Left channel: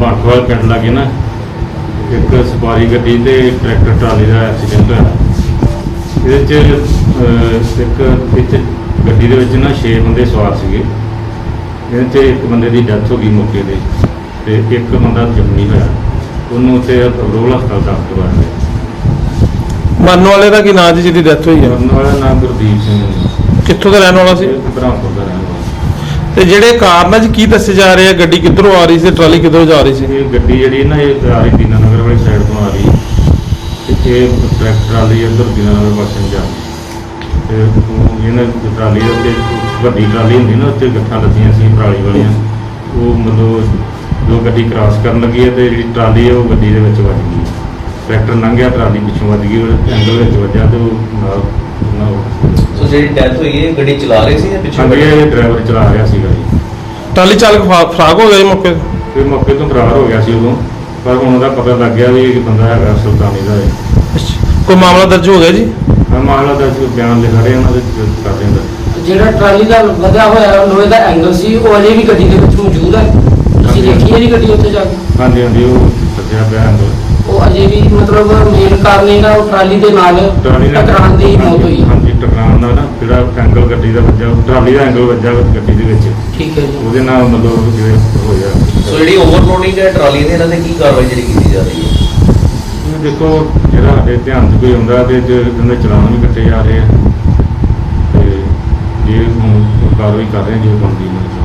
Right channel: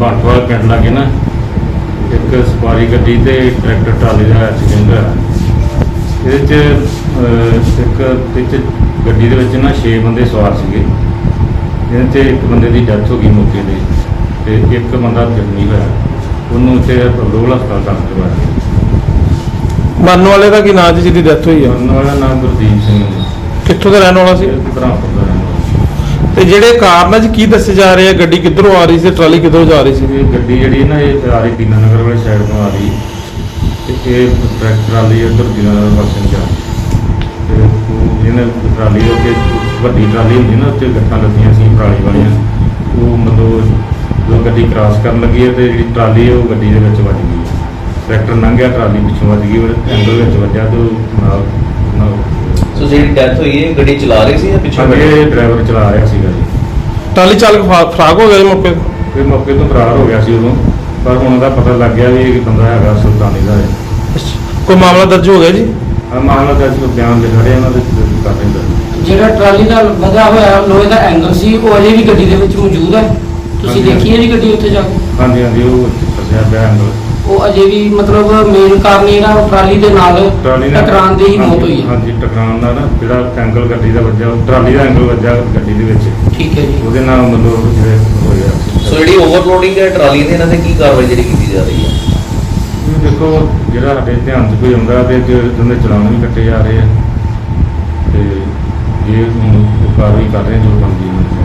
ਵਾਲ ਪਿੰਡ ਲਾਗੇ ਨਾ ਇੱਕ ਸਵਾਰੀ ਗੱਡੀ ਤੇ ਟਰੈਕਟਰ ਟਰਾਲੀ ਦਾ ਐਕਸੀਡੈਂਟ ਹੋਇਆ। ਇਹਦੇ ਚ ਇੱਕ ਵਿੱਚ ਗੱਡੀ ਦੇ ਵਿੱਚ ਨਾ 6 ਬੰਦੇ ਸਵਾਰ ਸੀਗੇ। ਜਿਹਦੇ ਚ ਇੱਕ ਬੰਦੇ ਦੀ ਡੈਥ ਹੋ ਗਈ ਮੌਕੇ ਤੇ ਤੇ ਇੱਕ ਬੰਦਾ ਜ਼ਖਮੀ ਹੋਇਆ। ਉਹਨੂੰ ਉੱਥੇ ਰੋਲ ਹਸਪਤਾਲ ਦਾਖਲ ਕਰਵਾਇਆ ਗਿਆ। ਮਰਨ ਵਾਲੇ ਦਾ ਕੀ ਨਾਂ ਜੀ ਜਿਹਦੀ ਡੈਥ ਹੋਈ ਆ? ਮਰਨ ਵਾਲਾ ਨਾਮ ਗੁਰਦੀਪ ਸਿੰਘ ਹੈ ਕਿੱਥੋਂ ਦਾ ਰਹਿਣ ਵਾਲਾ ਸੀ? ਬ੍ਰਹਮਪੁਰ ਦਾ ਰਹਿਣ ਵਾਲਾ। ਤੇ ਜਿਹੜੇ ਕਾਰਨ ਆ ਕੀ ਦੱਸੇ ਜਾ ਰਹੇ ਆ? ਗੱਡੀ ਕਿੱਧਰੋਂ ਆ ਰਹੀ ਸੀ? ਟਰਾਲੀ ਕਿੱਧਰੋਂ ਜਾ ਰਹੀ ਸੀ? ਇਹ ਗੱਡੀ ਜਿਹੜੀ ਨਾ, ਇਹ ਆ ਰਹੀ ਦੀਨਾਨਗਰ ਵਾਲੀ ਸਾਈਡ ਤੋਂ ਆ ਰਹੀ। ਤੇ ਟਰੈਕਟਰ ਵਾਲੀ ਇੱਧਰ ਦੀਨਾਨਗਰ ਪਾਸੇ ਨੂੰ ਜਾ ਰਹੀ। ਤੇ ਉਹ ਇਹਨੇ ਟਰਾਲੀ ਦੇ ਉੱਤੇ, ਵੱਡੀ ਟਰਾਲੀ ਹੁੰਦੀ ਨਾ, ਉੱਤੇ ਗੱਠਾਂ ਲੱਗੀਆਂ ਸੀ ਪਰਾਲੀ ਵਾਲੀਆਂ। ਉਹ ਮਤਲਬ ਜੋ ਗੱਡੀ ਕ੍ਰਾਸ ਕਰਨ ਲੱਗੀ ਹੈ ਤੇ ਜਿਹੜੀ ਟਰਾਲੀ ਹੈ, ਉਹ ਗੱਡੀ ਦੇ ਵਿੱਚ ਵੱਜ ਗਈ। ਟਰੈਕਟਰ ਲੰਘਿਆ, ਟਰਾਲੀ ਪਿੱਛੋਂ ਵੱਜ ਗਈ ਉਹ ਐਂਗਲ ਵਿੱਚ ਵੱਜਿਆ ਤੇ ਨਾਲ ਜਿਹੜੀ ਡੈਥ ਹੋਈ ਹੈ ਗੱਡੀ ਚਲਾ ਰਹੇ ਸੀ ਜਾਂ ਪਿੱਛੇ ਹਾਂਜੀ ਇਹ ਡਰਾਈਵਰ ਚਲਾ ਰਿਹਾ ਸੀਗਾ ਜੀ। ਟਰਾਲੀ ਚਾਲਕ ਫਾ- ਫਰਾਕ ਹੋ ਗਿਆ ਜੀ ਮੌਕੇ ਤੇ? ਤੇ ਮੌਕੇ ਤੋਂ ਫਰਾਰ ਹੋ ਗਿਆ ਸੀ ਉਦੋਂ। ਪਰ ਹੁਣ ਉਹਦਾ ਪਤਾ ਲੱਗ ਗਿਆ ਵੀ ਇਹ ਬੰਦਾ ਹੈਗਾ ਸੁਲਤਾਨੀ ਦਾ ਹੈ ਅੱਛਾ। ਕੋਈ ਮਾਮਲਾ ਦਰਜ ਹੋ ਗਿਆ ਜੀ? ਆ ਮਾਮਲਾ ਦਾ ਜੋ ਬਿਆਨ ਲਿਖਾ ਰਹੇ ਉਹਨਾਂ ਦੇ ਕਰ ਨੇ ਜਿਹੜਾ ਟਰਾਲੀ ਦਾ ਵਧਿਆ ਹੋਇਆ ਲੋਹੇ ਦਾ ਐਂਗਲ ਸੀ ਉਹ ਅਜੇ ਵੀ ਗੱਡੀ ਦੇ ਵਿੱਚ ਮੌਜੂਦ ਹੈ? ਤੁਸੀਂ ਹਾਂਜੀ। ਦੇਖੀ ਹੈ ਜੀ ਗੱਡੀ ਉੱਥੇ ਜਾ ਕੇ? ਹਾਂਜੀ ਹਾਂਜੀ ਉਹ ਦੱਸਿਆ ਪਿਆ ਐਂਗਲ ਉਹ ਅਜੇ ਵੀ ਮਤਲਬ ਮੇਨ ਕਾਰਨ ਜਿਹੜਾ ਉਹ ਟਰਾਲੀ ਦੇ ਨਾਲ ਟਰਾਲੀ ਨਾਲ ਟਕਰਾਉਣ ਦੀ ਮੌਤ ਹੋਈ ਹੈ। ਹਾਂਜੀ ਟਕਰਾਉਣ ਦਾ ਨਾ ਜਿਹੜਾ ਐਂਗਲ ਗੱਡੀ ਦਾ ਵੱਜਾ ਉਹ ਟਰਾਲੀ ਦਾ ਐਂਗਲ ਵੱਜਾ ਗੱਡੀ ਦੇ ਵਿੱਚ। ਠੀਕ ਹੈ ਜੀ। ਉਹਦੇ ਨਾਲ ਮਤਲਬ ਜਿਵੇਂ ਹੋਇਆ। ਸੋ ਜਿਹੜੀ ਓਵਰਲੋਡਿੰਗ ਹੈ ਟਰਾਲੀ ਦੀ ਇਹਨਾਂ ਤੇ ਕੀ ਕਾਰਵਾਈ ਜਿਹੜੀ ਕੀਤੀ ਜਾ ਰਹੀ ਹੈ? ਦੇਖੋ ਜਿਹੜਾ ਸਾਡੇ ਧਿਆਨ 'ਚ ਕੋਈ ਆਉਂਦਾ ਤੇ ਜੇ ਉਹਦੇ ਚਲਾਨ ਵੀ ਕੱਟੇ ਜਾ ਰਹੇ ਆ। ਤੇ ਇਹ ਹੁਣ ਕਾਰਵਾਈ ਕਰ ਰਹੇ ਆ ਜੋ ਬਣਦੀ ਹੈ